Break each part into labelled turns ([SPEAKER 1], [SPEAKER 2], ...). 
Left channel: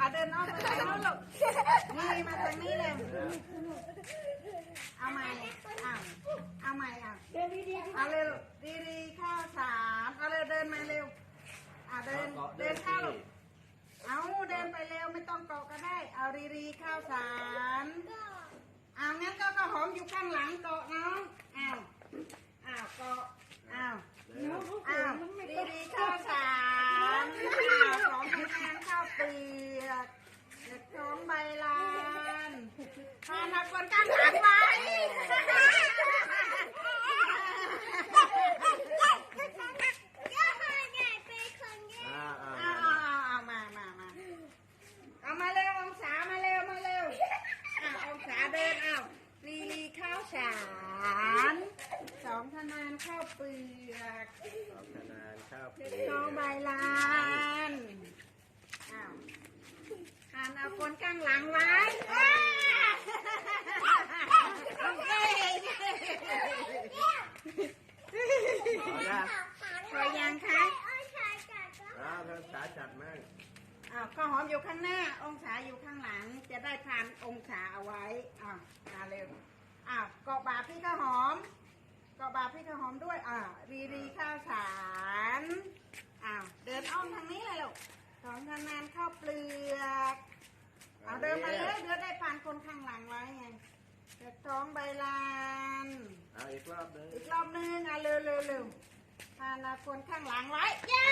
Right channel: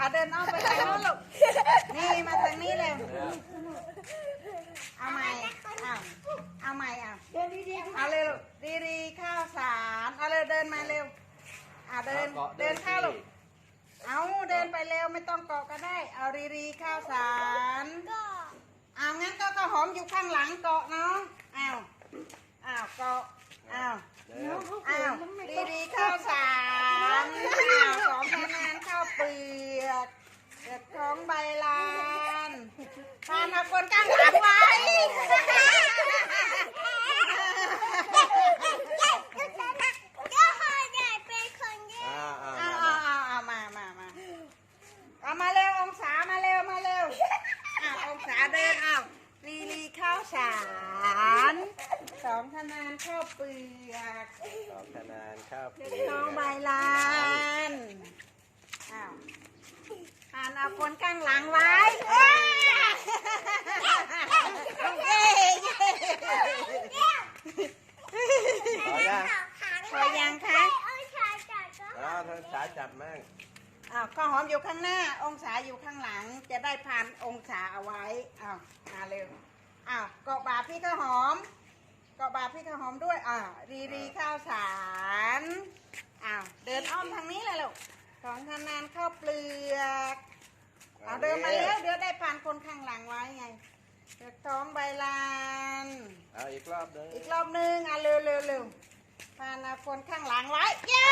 [SPEAKER 1] เดินอ้อมไปทางโน้นลูกนี่มาทางนี้เร็วเอาใหม่เอาใหม่เดินดีๆเอาเร็วดีๆข้าวสารเอาเร็วเดินมาเร็วเดินเข้าลูกเอาเดินไปเร็วไม่ต้องเกาะก็ได้เอารีข้าวสารเอางั้นก็ข้าวหอมอยู่ข้างหลังเกาะน้องเอาเกาะเอารีข้าวสารสองคะแนนข้าวเปลือกเด็ดท้องใบลานทานเอาคนข้างหลังไว้มาเร็วองศามาเร็วองศาเดินรีข้าวสารสองคะแนนข้าวเปลือก
[SPEAKER 2] สองคะแนนข้าวเปลือก
[SPEAKER 1] ท้องใบลานทานเอาคนข้างหลังไว้พอยังคะ
[SPEAKER 2] เธอขาจัดมั่ง
[SPEAKER 1] ข้าวหอมอยู่ข้างหน้าองศาอยู่ข้างหลังจะได้พานองศาเอาไว้มาเร็วเกาะบาพี่ข้าวหอมเกาะบาพี่ข้าวหอมด้วยรีข้าวสารเดินอ้อมทางนี้เลยลูกของคะแนนข้าวเปลือกเดินมาแล้วเดี๋ยวได้พานคนข้างหลังไว้ไงเด็กท้องใบลาน
[SPEAKER 2] อีกรอบนึง
[SPEAKER 1] เร็วพานคนข้างหลังไว้เย้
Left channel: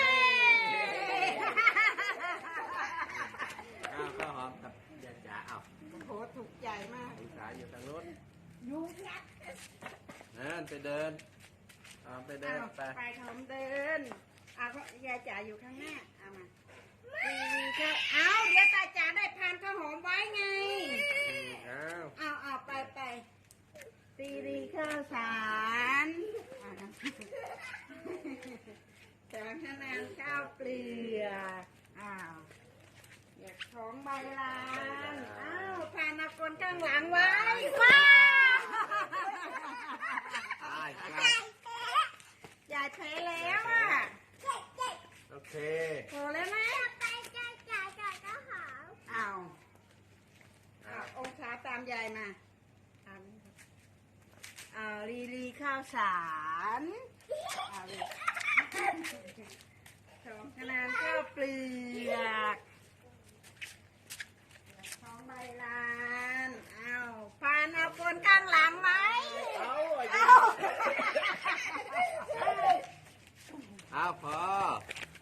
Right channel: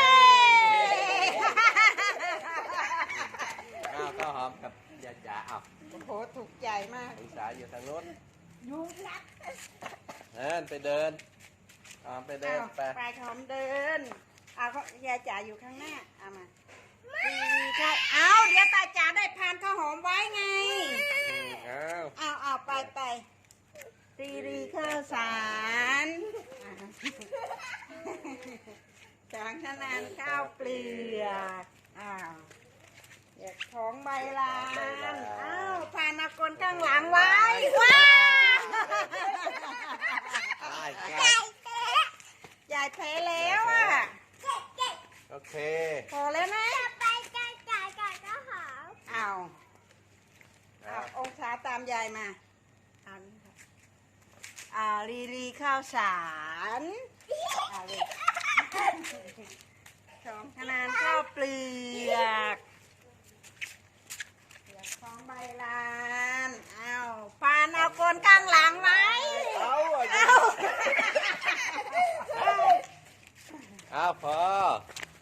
[SPEAKER 2] ข้าวหอมกับยาจ๋า
[SPEAKER 1] โหถูกใจมาก
[SPEAKER 2] องศาอยู่ทางโน้น
[SPEAKER 1] ยุ่งนัก
[SPEAKER 2] ไปเดินไป
[SPEAKER 1] หอมเดินยายจ๋าอยู่ข้างหน้ามาดีค่ะเดี๋ยวตาจ๋าได้พานข้าวหอมไว้ไงไปรีข้าวสารสองคะแนนข้าวเปลือกเด็กท้องใบลานพานเอาคนข้างหลังไว้ว้ายายแพ้แล้ว
[SPEAKER 2] โอเค
[SPEAKER 1] พอแล้วนะองศาตามยายมารีข้าวสารสองคะแนนข้าวเปลือกท้องใบลานพานเอาคนข้างหลังไหม
[SPEAKER 2] พอ